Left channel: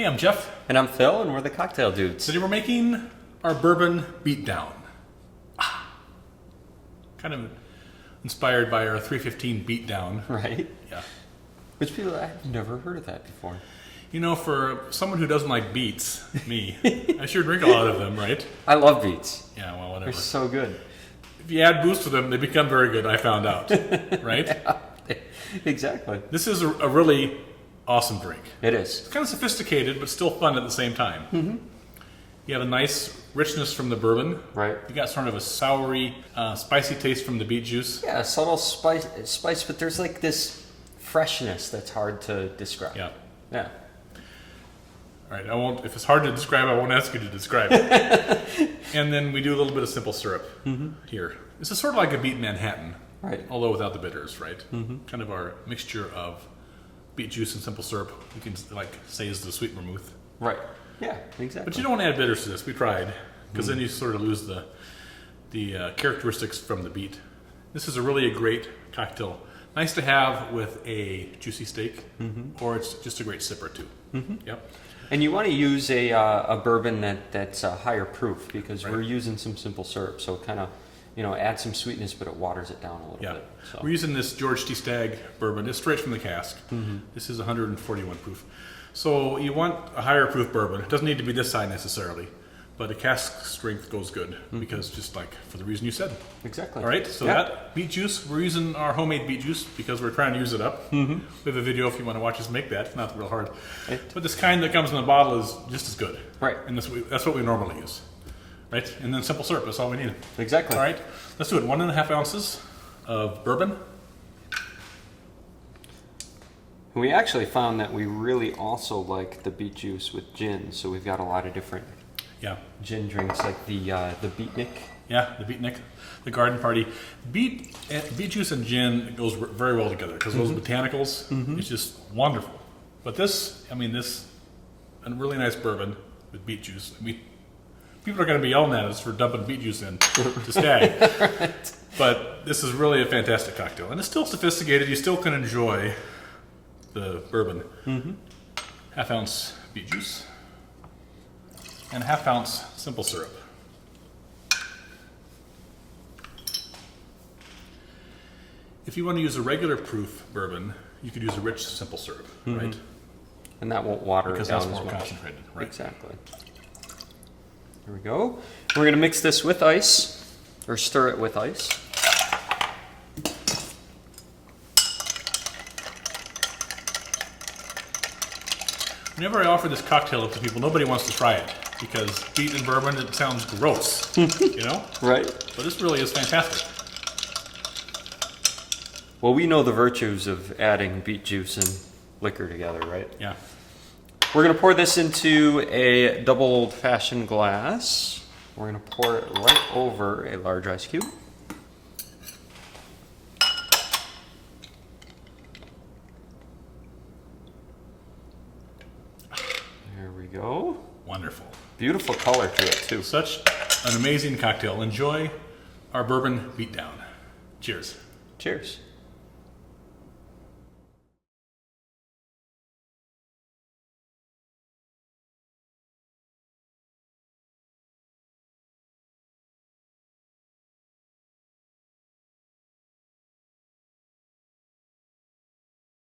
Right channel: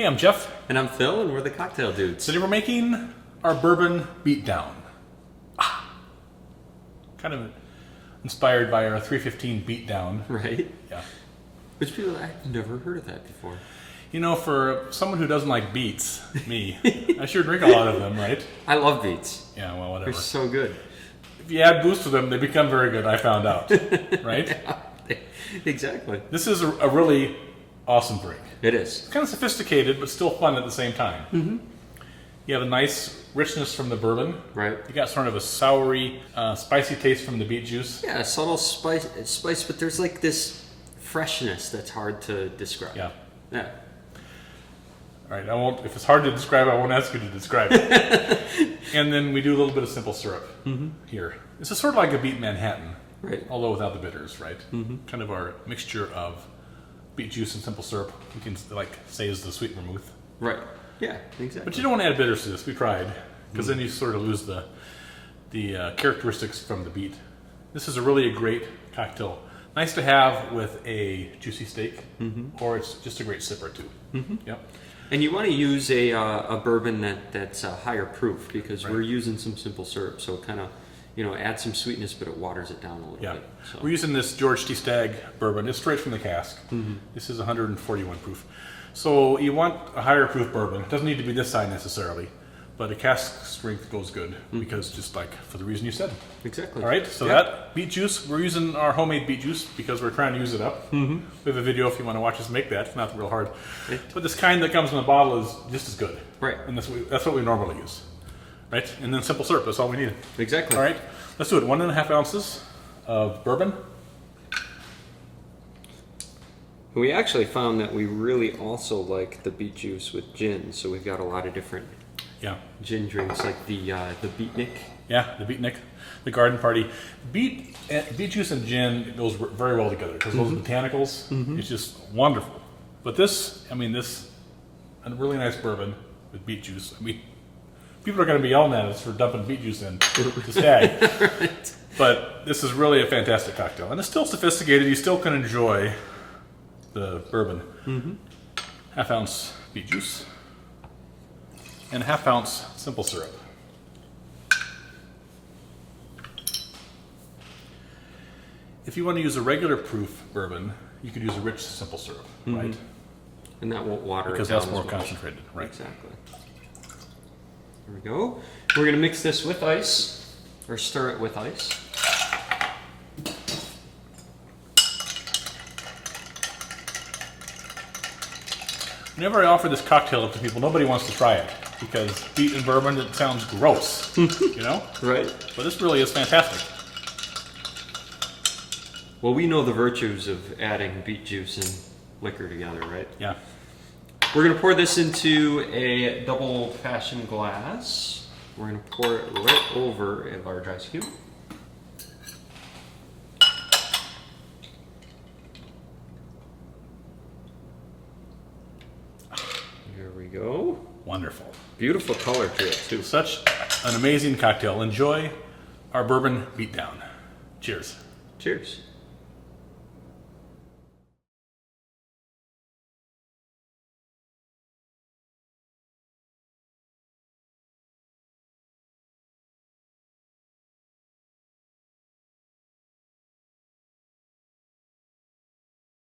Hey, I'm Jeff. And I'm Phil, and we're the Cocktail Dudes. Today we're making our bourbon Beet Down. Kind of inspired by our 315 Beet Down. Right? Yeah. Which people, I've never heard of that before. You know, for someone who doesn't like beets, me, I sure drink a lot of them, right? I love beets. Yeah, well, whatever. They're so good. If you add booze to them, they become very good, I found out. Right? Yeah, exactly. This is a really awesome drink. It is. It's kind of sophisticated, but still fun at the same time. Mm-hmm. You have a nice richness from the bourbon. Right. You got sort of a soury, spicy taste from the beet juice. Yeah, a subtle spice, but there's like this freshness that's hard to describe. Yeah. Yeah. All right, I won't. If it's hard to describe, I won't ask you to describe it. And then we do a little bit of simple syrup here. This is sort of like a beet Manhattan, Right. although without the bitters, right? Kind of our mixture of beet juice and simple syrup. You can like say is the sweet vermouth. Right. Yeah, exactly. But you don't want to add bitters to this. We tried, because then you sort of lose the characteristics from the beet. This is a great cocktail. Nice to have with a juicy steak, or it's just a great sipper too. Yep. And you want to use a bourbon that's higher proof, because Right. we're using some simple syrup, so kind of, add some sweetness, but it waters it down a little Yeah. bit. So. We're using this George T. Stagg bourbon. It's straight from the cask. This is 141 proof. So you want a higher proof bourbon. It doesn't need to be this high necessarily, but a cask strength goes good because just like for the reason you said. Exactly. All right, so Yep. that beet juice, we're using our homemade beet juice because we're trying to use it up. We have a video if you want to watch us make that. It's not real hard. Okay. But this kind that comes in a bottle is just as good. Right. And that's what we normally use. Right? And then simple syrup, that's all we need. Exactly. All right, let's do it. 1.5 ounces of bourbon. And we actually found that we really also like the beet juice with gin, so we've got a lot of different Yeah. gin drinks, like the Beetnick. Yeah, the Beetnick, the garden party. Beet juice and gin goes very well together because those botanicals, it's just wonderful. But this a really nice bourbon with beet juice. I mean, people are going to be yelling at us for dumping beet juice in to Stag. Right. But this is really a fantastic cocktail. And it's still sophisticated. You still can enjoy the bourbon. 1/2 ounce beet juice and 1/2 ounce simple syrup. If you want to use a regular proof bourbon, you could use a rich simple syrup, right? And that won't water Because it down that's more as much. concentrated, right? Exactly. Here we go. We're going to mix this with ice, or stir it with ice. Whenever I offer this cocktail up to people, nobody wants to try it because beet and bourbon, it sounds gross, you know? Right. But this really is fantastic. Well, we know the virtues of adding beet juice and liquor together, right? Yeah. We're going to pour this into a double old-fashioned glass. We're going to pour it right over a large ice cube. There we go. Wonderful. Beautiful color to it, too. Such an amazing cocktail. Enjoy our bourbon Beet Down. Cheers. Cheers.